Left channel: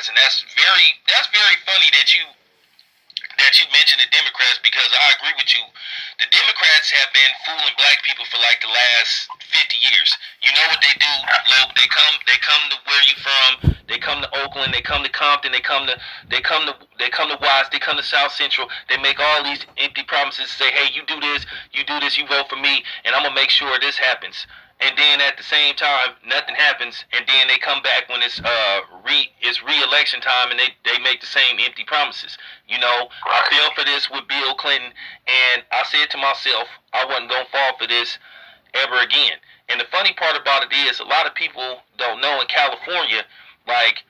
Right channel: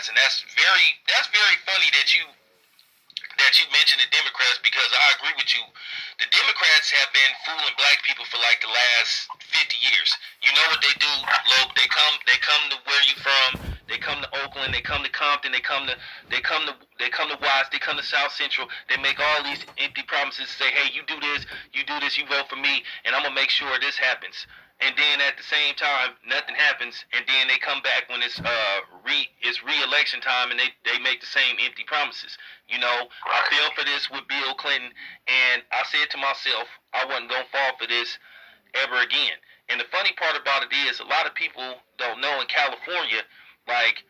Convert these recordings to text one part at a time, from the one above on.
Democrats, and that's very funny that you mentioned the Democrats, because I agree with you. The Democrats have been fooling black people for like the last 50 years. You know what they do, Loke? They come to where you from. They come to Oakland. They come to Compton. They come to Watts. They come to South Central. They make all these empty promises. Say, hey, you do this, you vote for me, and I'm gonna make sure this happens. And then at the same time, nothing happens, and then they come back when it's re-election time, and they make the same empty promises. You know, I fell for this with Bill Clinton, and I said to myself, I wasn't gonna fall for this ever again. And the funny part about it is, a lot of people don't know in California, like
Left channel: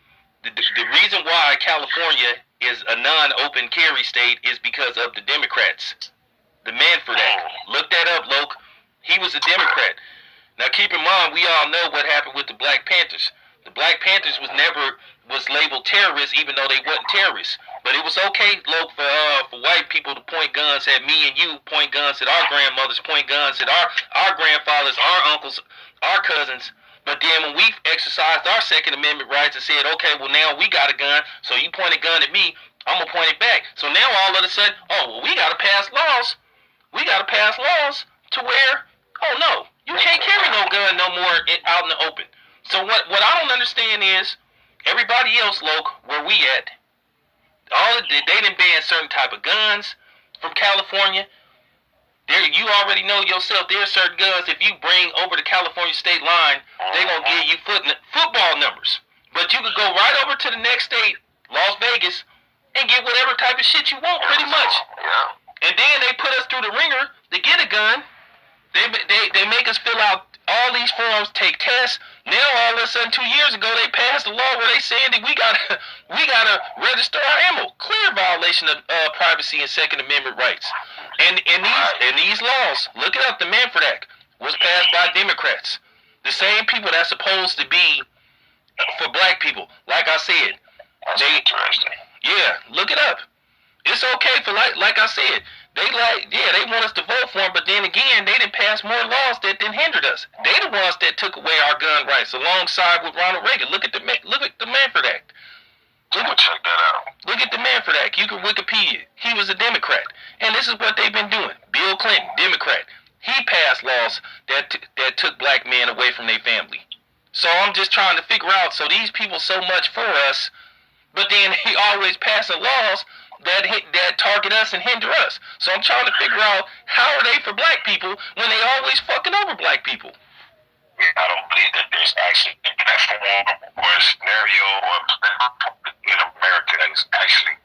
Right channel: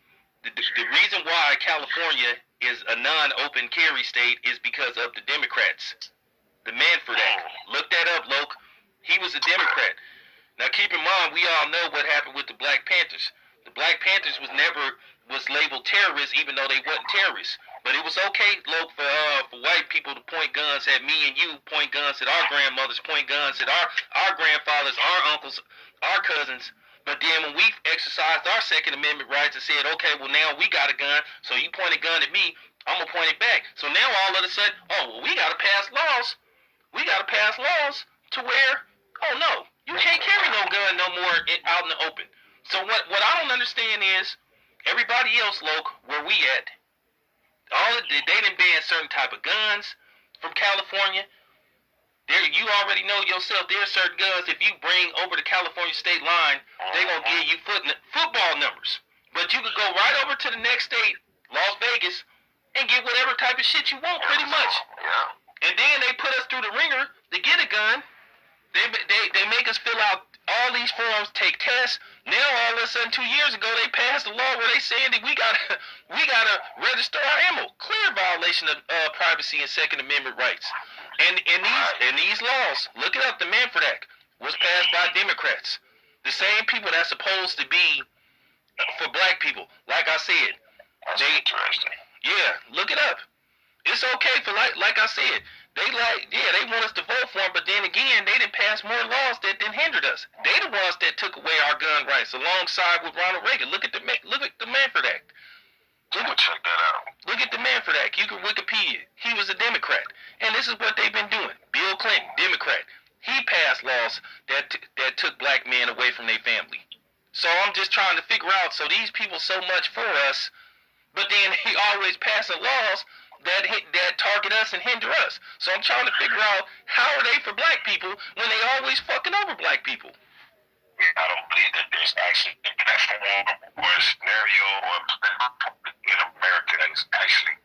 the reason why California is a non-open carry state is because of the Democrats. The Manford Act. Look that up, Loke. He was a Democrat. Now keep in mind, we all know what happened with the Black Panthers. The Black Panthers was labeled terrorists, even though they wasn't terrorists. But it was okay, Loke, for white people to point guns at me and you, point guns at our grandmothers, point guns at our grandfathers, our uncles, our cousins. But then when we exercised our Second Amendment rights and said, okay, well now we got a gun, so you point a gun at me, I'm gonna point it back. So now all of a sudden, oh well, we gotta pass laws. We gotta pass laws to where, oh no, you can't carry no gun no more out in the open. So what I don't understand is, everybody else, Loke, where we at, they didn't ban certain type of guns from California. You already know yourself, there's certain guns, if you bring over the California state line, they're going to give you football numbers. But you could go right over to the next state, Las Vegas, and get whatever type of shit you want, pretty much. And then they put us through the ringer to get a gun. They make us fill out all these forms, take tests. Now all of a sudden, 2 years ago, they passed a law where they saying that we gotta register our ammo. Clear violation of privacy and Second Amendment rights. And these laws, look it up. The Manford Act was passed by Democrats. The same people that's supposed to be for black people. Like I said, that's interesting. Yeah, look it up. It's okay for like I said. They want us to vote for them, but then again, they didn't pass more laws that didn't hinder us. They the ones that took away our gun rights alongside with Ronald Reagan. Look at the Manford Act. Check that out. Look at the Manford Act. You can Wikipedia. He was a Democrat, and this is what they've been doing. Bill Clinton, Democrat. He passed laws that took black men away from their family. So I'm just trying to figure out. So these people so much for us, but then he always passing laws that target us and hinder us. So I'm trying to figure out, how are they for black people when they always fucking over black people? I don't believe that there's actually a platform or a scenario in America that is actually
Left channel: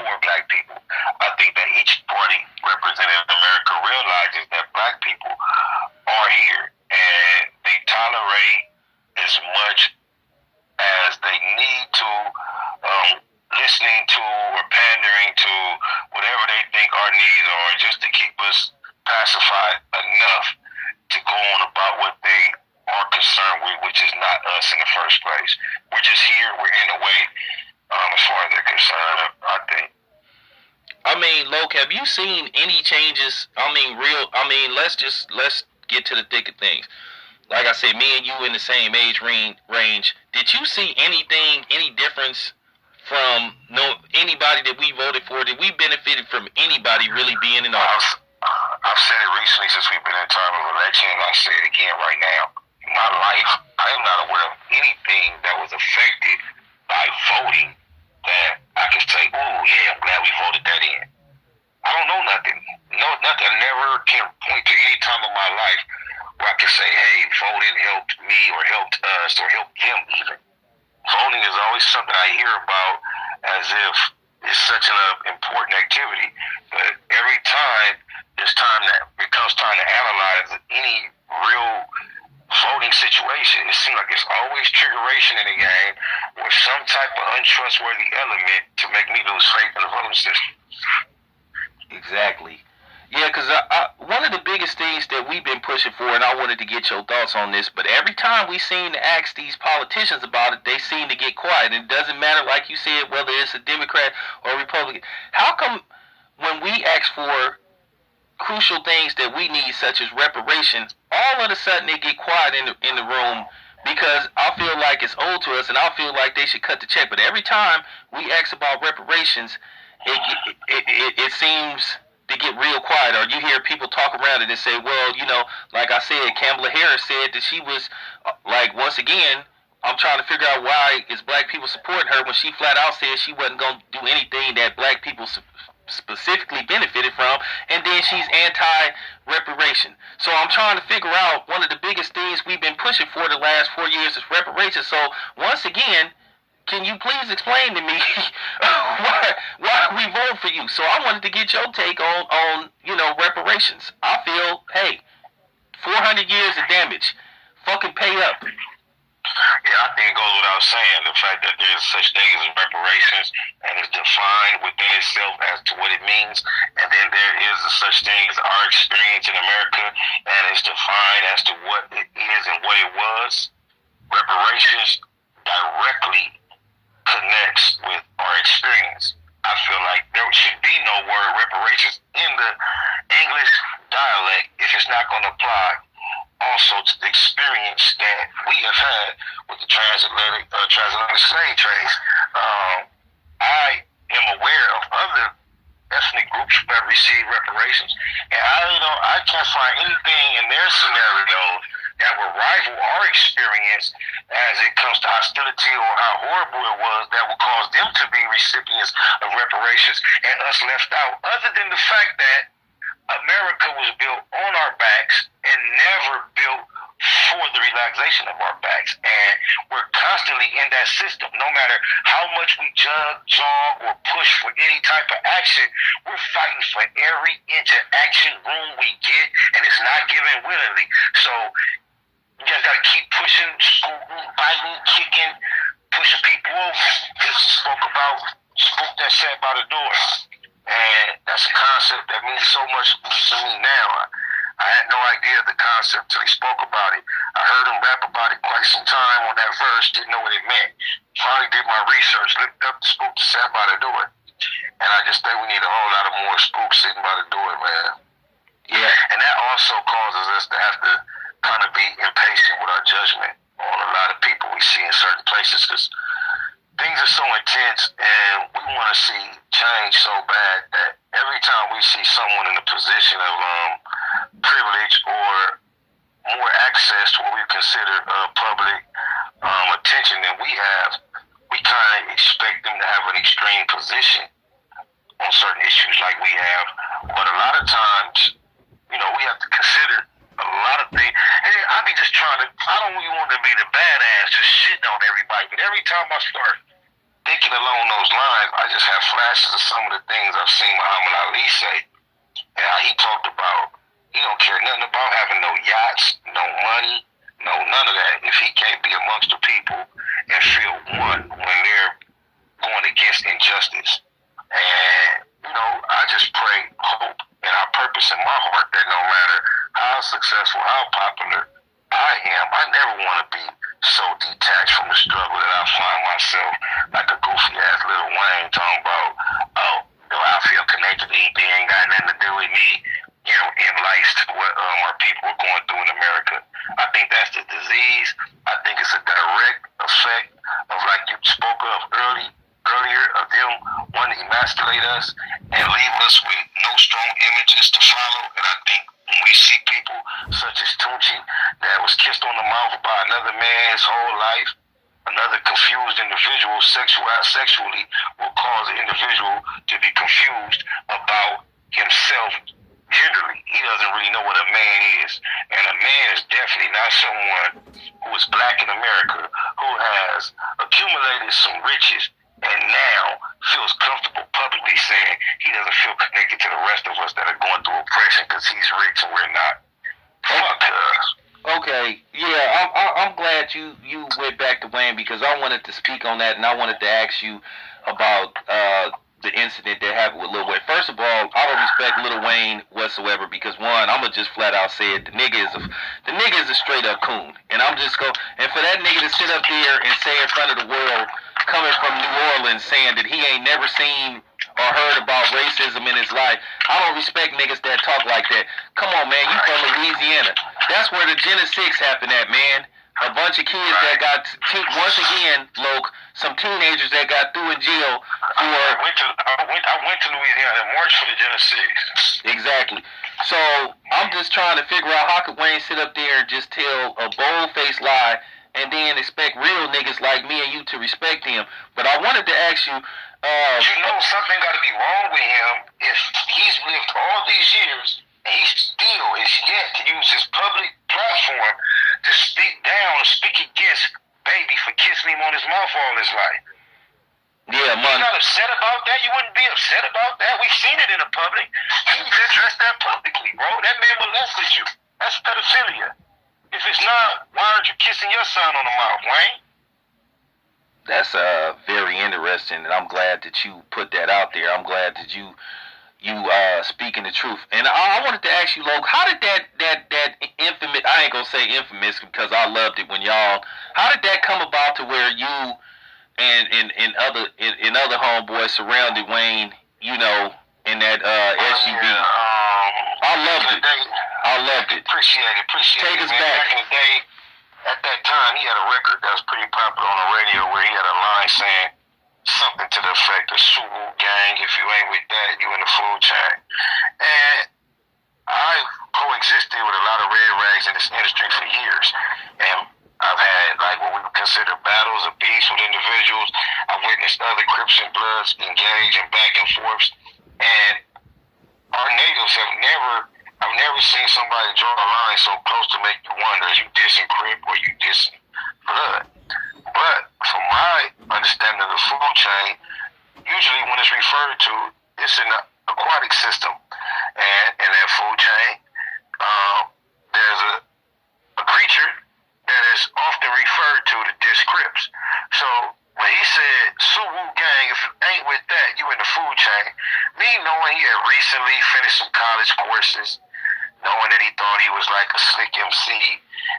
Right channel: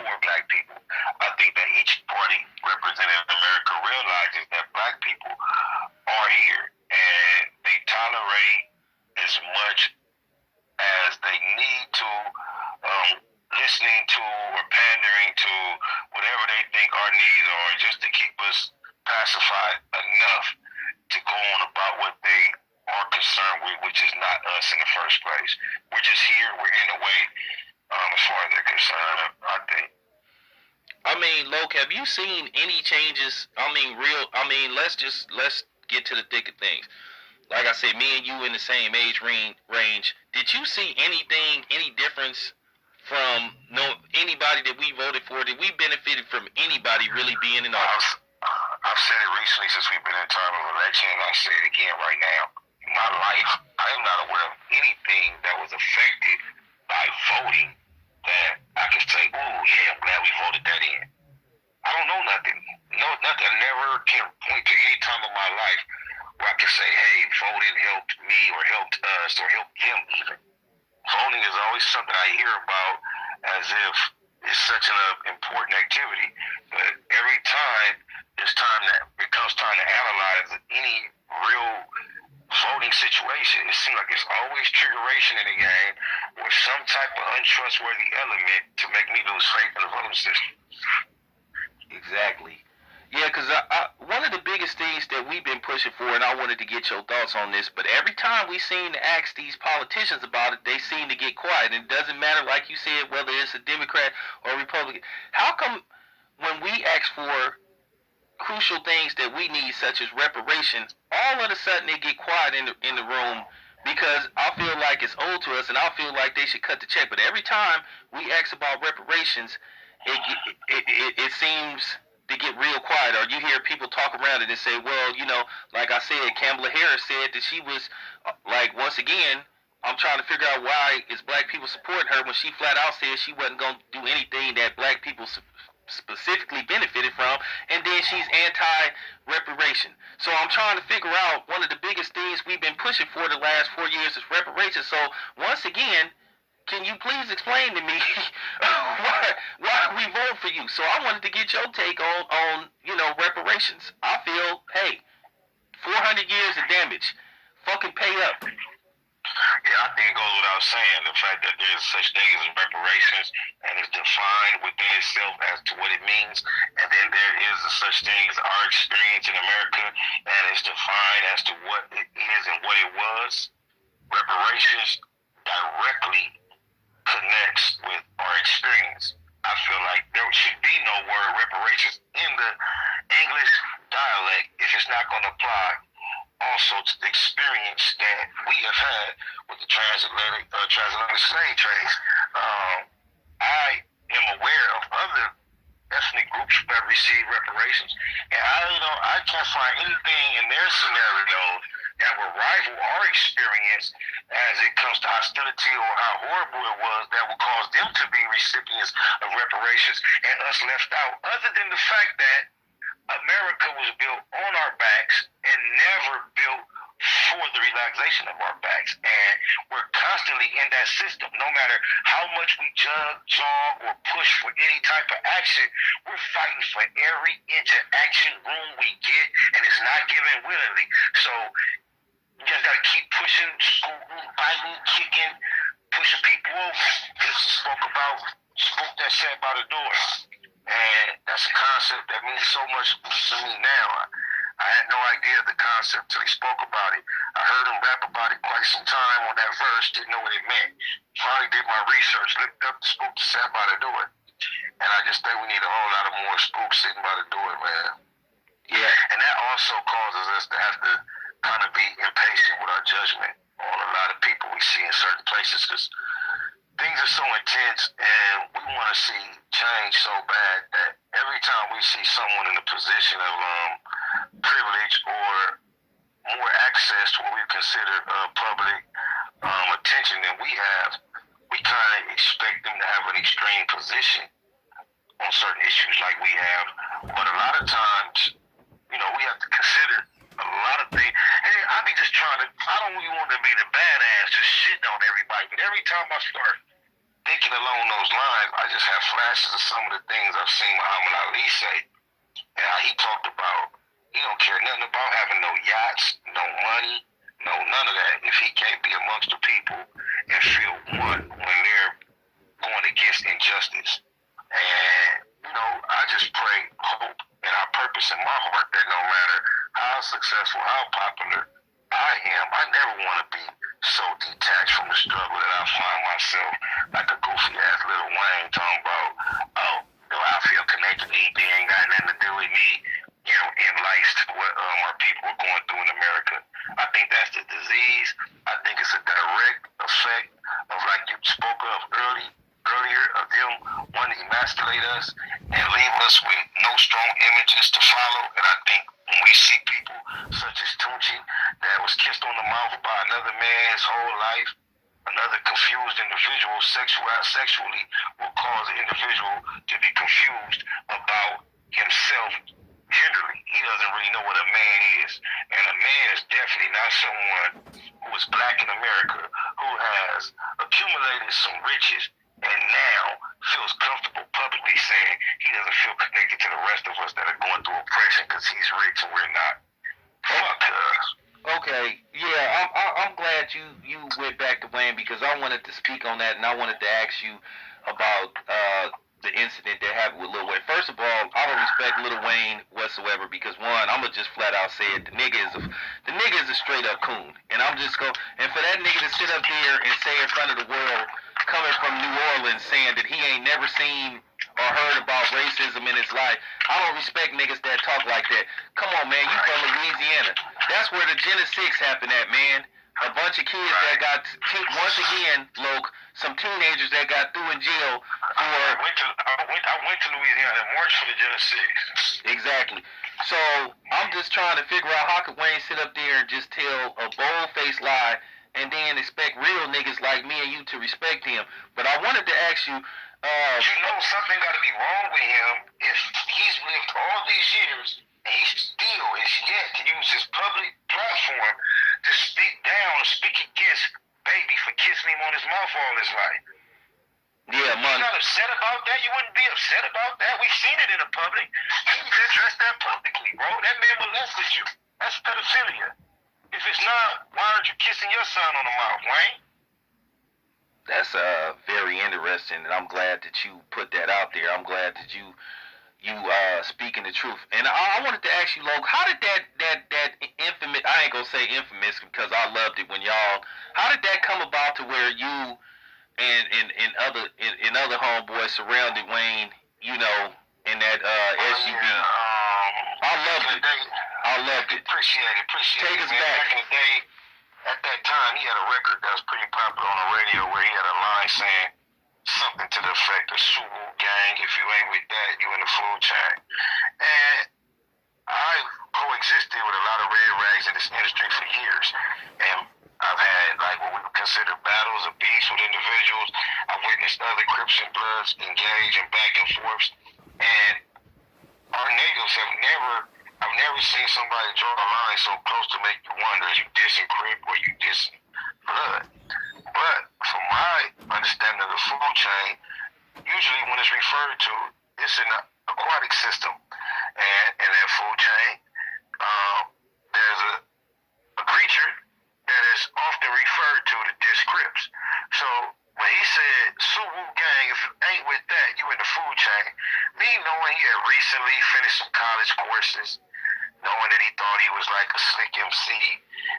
for black people. I think that each party represented in America realizes that black people are here and they tolerate as much as they need to, listening to or pandering to whatever they think our needs are, just to keep us pacified enough to go on about what they are concerned with, which is not us in the first place. We're just here, we're in a way, as far as they're concerned, I think. I mean, Loke, have you seen any changes? Let's get to the thick of things. Like I said, me and you in the same age range. Did you see any difference from anybody that we voted for? Did we benefit from anybody really being in office? I've said it recently since we've been in time of election, and I'll say it again right now. In my life, I am not aware of anything that was affected by voting that I can say, oh yeah, I'm glad we voted that in. I don't know nothing. No, nothing. I never can point to any time of my life where I can say, hey, voting helped me or helped us or helped them even. Voting is always something I hear about as if it's such an important activity. But every time it comes time to analyze any real voting situation, it seems like it's always triggeration in the game or some type of untrustworthy element to make me lose faith in the voting system. Exactly. Yeah, because one of the biggest things that we've been pushing for, and I wanted to get your thoughts on this, but every time we seem to ask these politicians about it, they seem to get quiet. It doesn't matter, like you said, whether it's a Democrat or a Republican. How come when we ask for crucial things that we need, such as reparations, all of a sudden they get quiet in the room because I feel like it's owed to us, and I feel like they should cut the check. But every time we ask about reparations, it seems to get real quiet, or you hear people talk around it and say, well, like I said, Kamala Harris said that she was, like, once again, I'm trying to figure out why is black people supporting her when she flat out said she wasn't going to do anything that black people specifically benefited from, and then she's anti-reparation. So I'm trying to figure out, one of the biggest things we've been pushing for the last 4 years is reparations. So once again, can you please explain to me why we vote for you? So I wanted to get your take on reparations. I feel, hey, 400 years of damage, fucking pay up. Yeah, I think it goes without saying the fact that there's such thing as reparations and it's defined within itself as to what it means, and then there is such thing as our experience in America, and it's defined as to what it is and what it was. Reparations directly connects with our experience. I feel like there should be no word reparations in the English dialect if it's not going to apply also to the experience that we have had with the transatlantic slave trades. I am aware of other ethnic groups that receive reparations, and I can't find anything in their scenario that would rival our experience as it comes to hostility or how horrible it was that would cause them to be recipients of reparations and us left out, other than the fact that America was built on our backs and never built for the relaxation of our backs. And we're constantly in that system. No matter how much we jog or push for any type of action, we're fighting for every inch of action room we get, and it's not given willingly. So you just got to keep pushing, scooting, biting, kicking, pushing people over. This is spoke that sat by the door. And that's a concept that means so much to me now. I had no idea of the concept till he spoke about it. I heard him rap about it quite some time on that verse, didn't know what it meant. Finally did my research, looked up the spook that sat by the door. And I just think we need a whole lot of more spooks sitting by the door, man. Yeah. And that also causes us to have to kind of be impatient with our judgment on a lot of people we see in certain places, because things are so intense and we want to see change so bad that every time we see someone in a position of privilege or more access to what we consider public attention than we have, we kind of expect them to have an extreme position on certain issues like we have. But a lot of times, we have to consider a lot of things. And I be just trying to, I don't really want to be the badass just shitting on everybody, but every time I start thinking along those lines, I just have flashes of some of the things I've seen Muhammad Ali say. And how he talked about, he don't care nothing about having no yachts, no money, no none of that, if he can't be amongst the people and feel one when they're going against injustice. And, I just pray, hope, and I purpose in my heart that no matter how successful, how popular I am, I never want to be so detached from the struggle that I find myself like a goofy ass Lil Wayne talking about, I feel connected to anything, ain't got nothing to do with me, in life to what our people are going through in America. I think that's the disease. I think it's a direct effect of, like you spoke of earlier, of them wanting to emasculate us and leave us with no strong images to follow. And I think when we see people such as Tunchi that was kissed on the mouth by another man his whole life, another confused individual sexually will cause the individual to be confused about himself generally. He doesn't really know what a man is. And a man is definitely not someone who is black in America, who has accumulated some riches and now feels comfortable publicly saying he doesn't feel connected to the rest of us that are going through oppression because he's rich and we're not. Fuck us. Okay, yeah, I'm glad you went back to Wayne, because I wanted to speak on that, and I wanted to ask you about the incident that happened with Lil Wayne. First of all, I don't respect Lil Wayne whatsoever, because one, I'ma just flat out say it, the nigga is a straight up coon, and and for that nigga to sit up there and say in front of the world, coming from New Orleans, saying that he ain't never seen or heard about racism in his life, I don't respect niggas that talk like that. Come on, man, you from Louisiana. That's where the Gen 6 happened at, man. a bunch of kids that got once again, Loke, some teenagers that got through in jail for. I went to Louisiana and marched for the Genesee. Exactly. So I'm just trying to figure out how could Wayne sit up there and just tell a bold-faced lie and then expect real niggas like me and you to respect him. But I wanted to ask you. You know something got to be wrong with him if he's lived all these years and he still is yet to use his public platform to speak down, speak against Baby for kissing him on his mouth all his life. Yeah, man. You're not upset about that? You wouldn't be upset about that? We've seen it in the public. You addressed that publicly, bro. That man molested you. That's pedophilia. If it's not, why aren't you kissing your son on the mouth, Wayne? That's very interesting, and I'm glad that you put that out there. I'm glad that you speaking the truth. And I wanted to ask you, Loke, how did that infamous, I ain't gonna say infamous because I loved it when y'all, how did that come about to where you and other homeboys surrounded Wayne, you know, in that SUV? I loved it. I loved it. Appreciate it. Take us back. Back in the day, at that time, he had a record that was pretty popular on the radio where he had a line saying something to the effect of Suwu gang, if you ain't with that, you in the food chain. And I coexisted with a lot of red rags in this industry for years. And I've had like what we would consider battles of beefs with individuals. I've witnessed other Crips and Bloods engage in back and forths. And our natives I've never seen somebody draw a line so close to make you wonder, is you dissing Crip or you dissing Blood? But from my understanding of the food chain, usually when it's referred to, it's an aquatic system. And in that food chain, there's a creature that is often referred to diss Crips. So when he said, Suwu gang, if you ain't with that, you in the food chain, me knowing he had recently finished some college courses, knowing that he thought he was like a slick MC,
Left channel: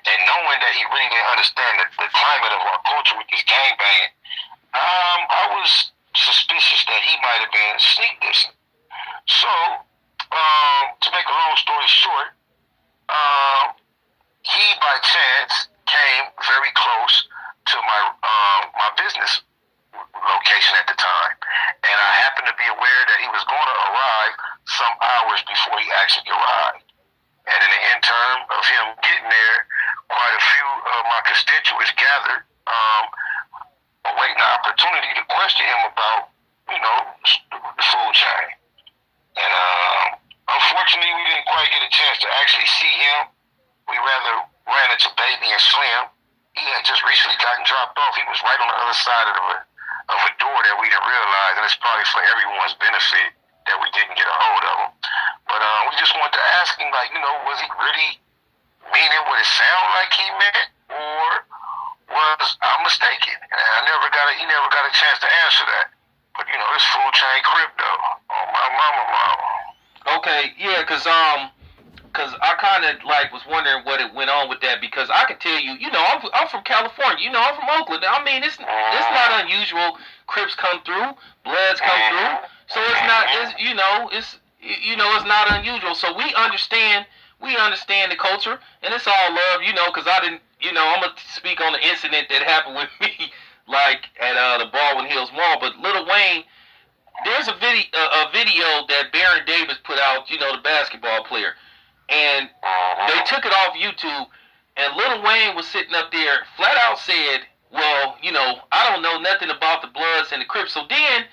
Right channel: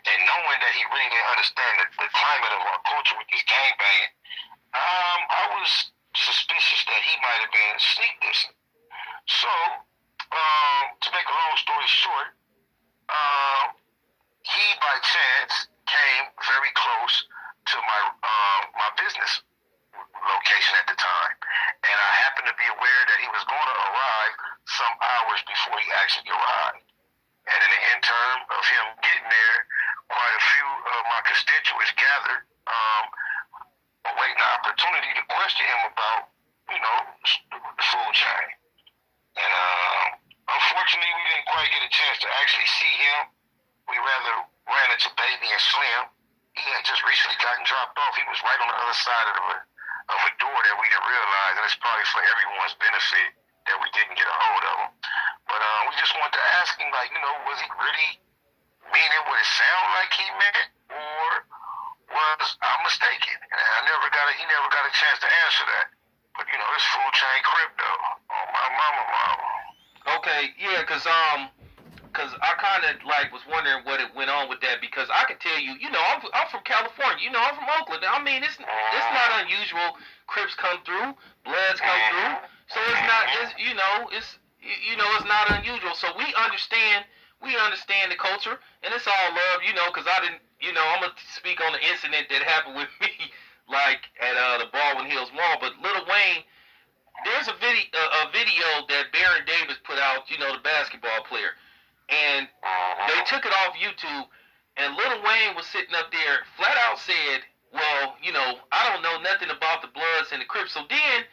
and knowing that he really didn't understand the climate of our culture with this gangbanging, I was suspicious that he might have been sneak dissing. So, to make a long story short, he by chance came very close to my business location at the time, and I happened to be aware that he was going to arrive some hours before he actually arrived. And in the interim of him getting there, quite a few of my constituents gathered, awaiting an opportunity to question him about, you know, the food chain. And unfortunately, we didn't quite get a chance to actually see him. We rather ran into Baby and Slim. He had just recently gotten dropped off. He was right on the other side of a door that we didn't realize, and it's probably for everyone's benefit that we didn't get a hold of him. But we just wanted to ask him, like, you know, was he really meaning what it sounded like he meant, or was I mistaken? And he never got a chance to answer that. But you know, this food chain crypto, oh my mama. Okay, yeah, cause I kind of like was wondering what it went on with that, because I can tell you, you know, I'm from California, you know, I'm from Oakland. I mean, it's not unusual. Crips come through, Bloods come through, so it's not, it's not unusual. So we understand the culture, and it's all love, you know, because I didn't, you know, I'm gonna speak on the incident that happened with me, like at the Baldwin Hills Mall. But Lil Wayne, there's a video that Baron Davis put out, you know, the basketball player. And they took it off YouTube, and Lil Wayne was sitting up there, flat out said, well, you know, I don't know nothing about the Bloods and the Crips. So then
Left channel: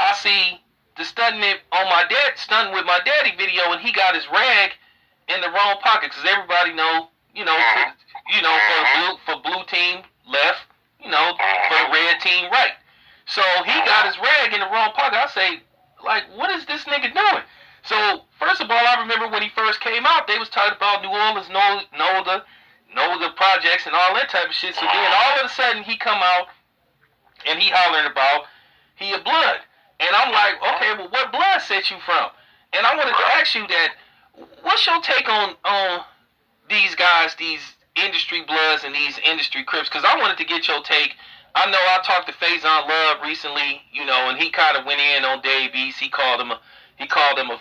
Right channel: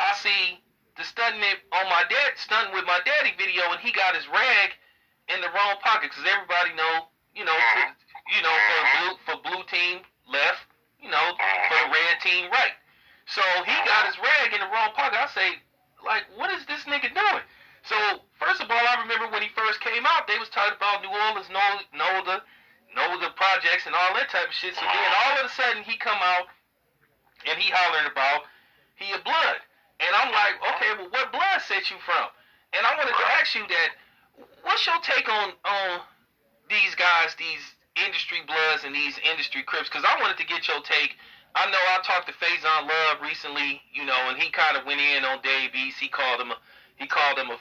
I see the stunting with my daddy video, and he got his rag in the wrong pocket, because everybody know, for blue team left, you know, for the red team right. So he got his rag in the wrong pocket. I say, like, what is this nigga doing? So, first of all, I remember when he first came out, they was talking about New Orleans, NOLA projects and all that type of shit. So then all of a sudden he come out and he hollering about he a Blood. And I'm like, okay, well, what blood set you from? And I wanted to ask you that, what's your take on these guys, these industry Bloods and these industry Crips? Because I wanted to get your take. I know I talked to Faison Love recently, you know, and he kind of went in on Dave East. He called him a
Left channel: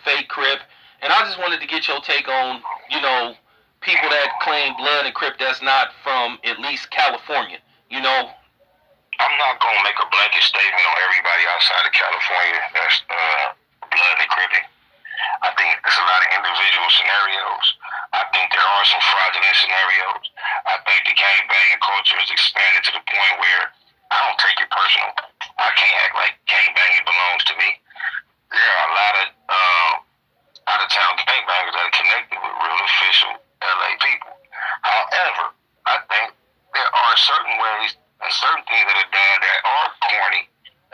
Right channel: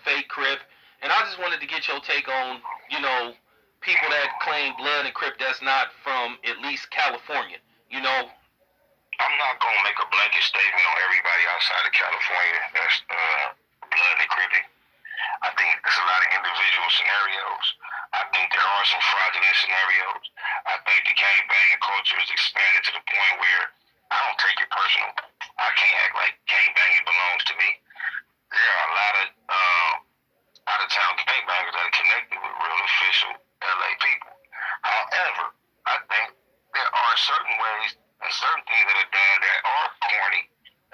fake Crip. And I just wanted to get your take on, you know, people that claim blood and Crip that's not from at least California. You know, I'm not gonna make a blanket statement on everybody outside of California that's blood and cripping. I think there's a lot of individual scenarios. I think there are some fraudulent scenarios. I think the gangbanging culture is expanded to the point where I don't take it personal. I can't act like gangbanging belongs to me. There are a lot of out of town gangbangers that are connected with real official LA people. However, I think there are certain ways and certain things that are done that are corny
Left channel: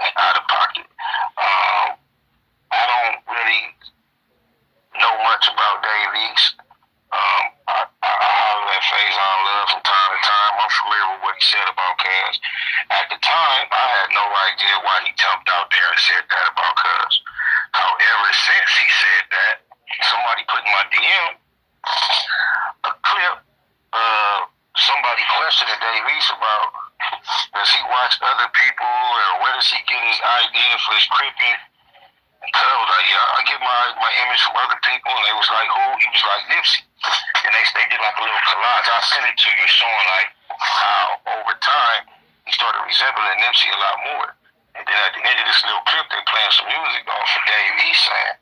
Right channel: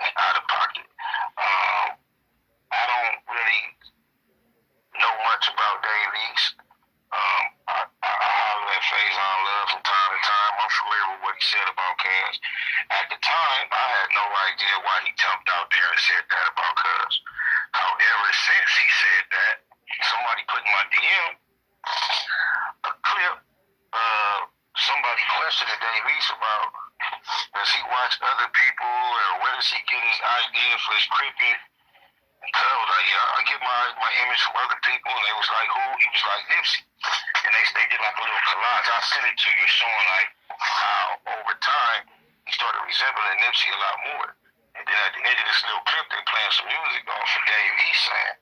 and out of pocket. I don't really know much about Dave East. I holler at Faison Love from time to time. I'm familiar with what he said about Cuz. At the time, I had no idea why he jumped out there and said that about Cuz. However, since he said that, somebody put in my DM a clip of somebody questioning Dave East about does he watch other people or where does he get his idea for his cripping? Cuz was like, yeah, I get my image from other people, and they was like, who? He was like, Nipsey. And they did like a little collage. I sent it to you showing like how over time he started resembling Nipsey a lot more. And then at the end of this little clip, they playing some music off of Dave East saying,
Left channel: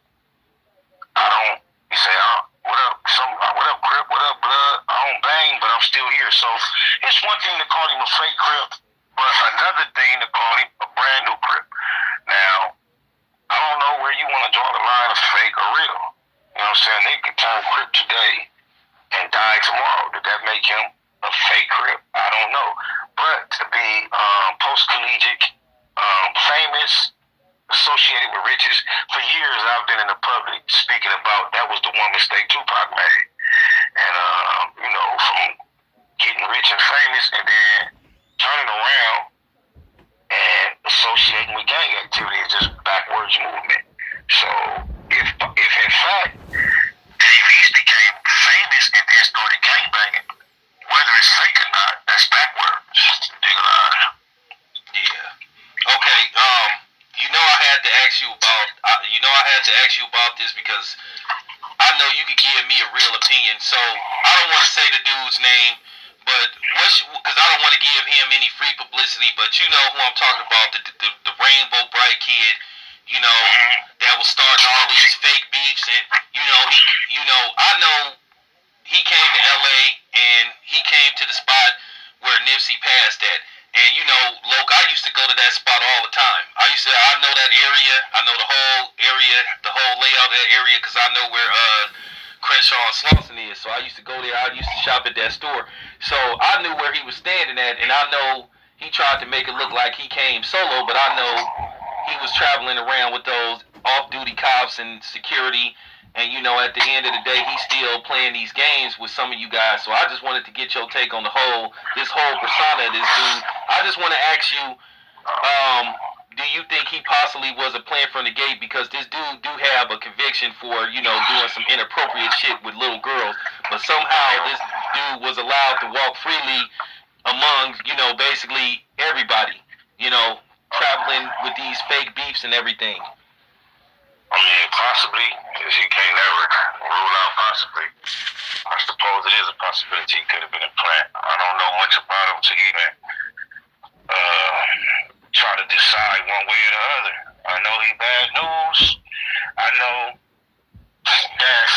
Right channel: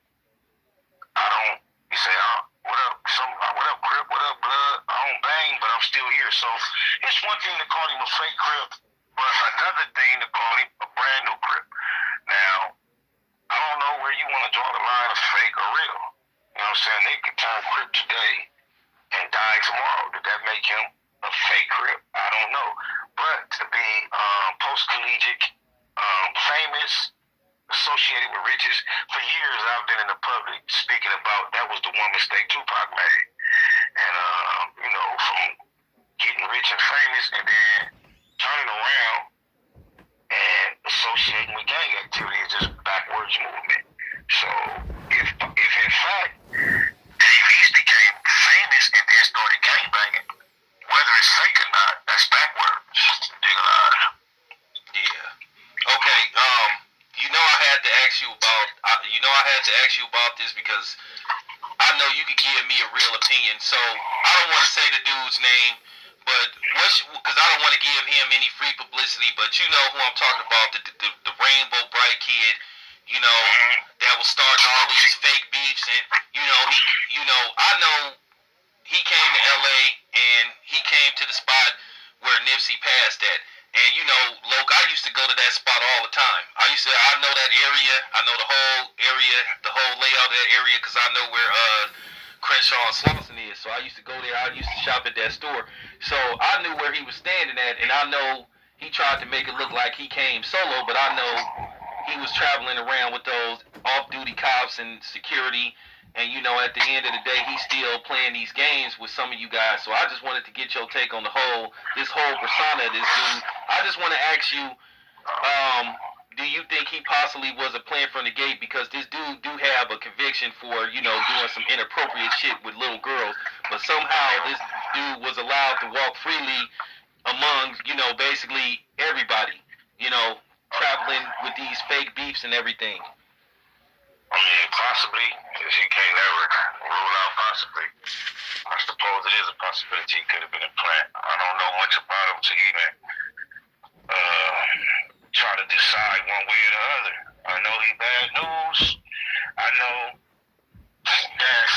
he said, what up, what up, Crip, what up, blood? I don't bang, but I'm still here. So it's one thing to call him a fake Crip, but another thing to call him a brand new Crip. Now, I don't know where you want to draw the line of fake or real. You know what I'm saying? They could turn Crip today and die tomorrow. Did that make him a fake Crip? I don't know. But to be post-collegiate, famous, associated with riches, for years I've been in the public speaking about that was the one mistake Tupac made. And, from getting rich and famous and then turning around and associating with gang activity is just backwards movement. So if in fact Dave East became famous and then started gangbanging, whether it's fake or not, that's backwards. Dig a line. Yeah. Okay. I had to ask you about this because I know you could give me a real opinion. So I don't want to say the dude's name, but because I don't want to give him any free publicity. But you know who I'm talking about, the Rainbow Bright kid. You know that was starting all these fake beefs, and I know he came to LA and he came to the spot where Nipsey passed at. And Loc, I used to go to that spot all the time. I know that area. I know the whole area, the whole layout of that area, because I know where Crenshaw and Slauson is. So I used to go there. I used to shop at that store. So I knew where he was standing at, and I know he tried to make it look like he came solo, but I know he was traveling around with those off-duty cops and security. And at the end of the day, he's still playing these games with some of you guys. So I just wanted to get your take on this whole persona of this dude. I just want to ask you, do you think he possibly was a plan from the gate? Because this dude do have a conviction for, doing some inappropriate shit with little girls. But somehow this dude was allowed to walk freely among, basically everybody, traveling with these fake beefs and everything. Yeah, possibly. Because you can't never rule out possibly. I suppose it is a possibility he could have been a plant. I don't know much about him to even try to decide one way or the other. I know he bad news. I know that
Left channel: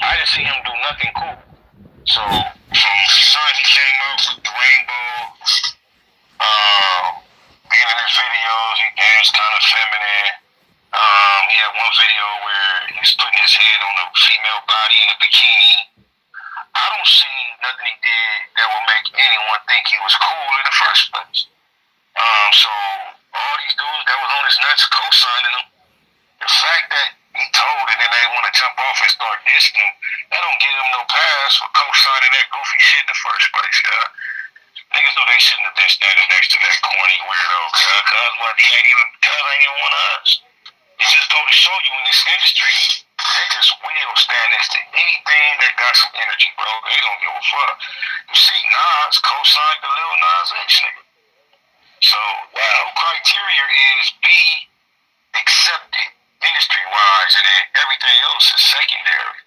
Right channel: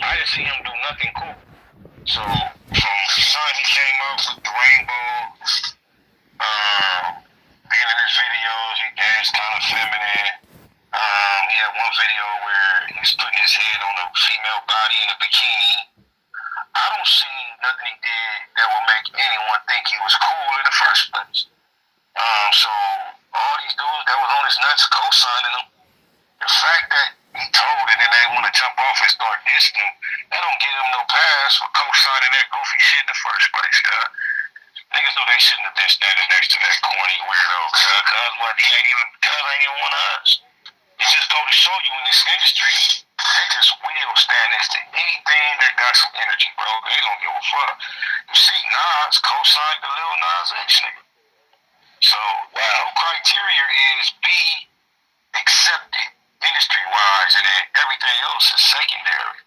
I didn't see him do nothing cool. So from the time he came up with the rainbow, being in his videos, he danced kind of feminine. He had one video where he was putting his head on a female body in a bikini. I don't see nothing he did that will make anyone think he was cool in the first place. So all these dudes that was on his nuts co-signing him, the fact that he told it and they want to jump off and start dissing him, that don't give him no pass for co-signing that goofy shit in the first place. Niggas know they shouldn't have been standing next to that corny weirdo, cuz ain't even one of us. It just go to show you in this industry, they just will stand next to anything that got some energy, bro. They don't give a fuck. You see Nas co-signed the Lil Nas X nigga. So, criteria is be accepted industry-wise, and then everything else is secondary.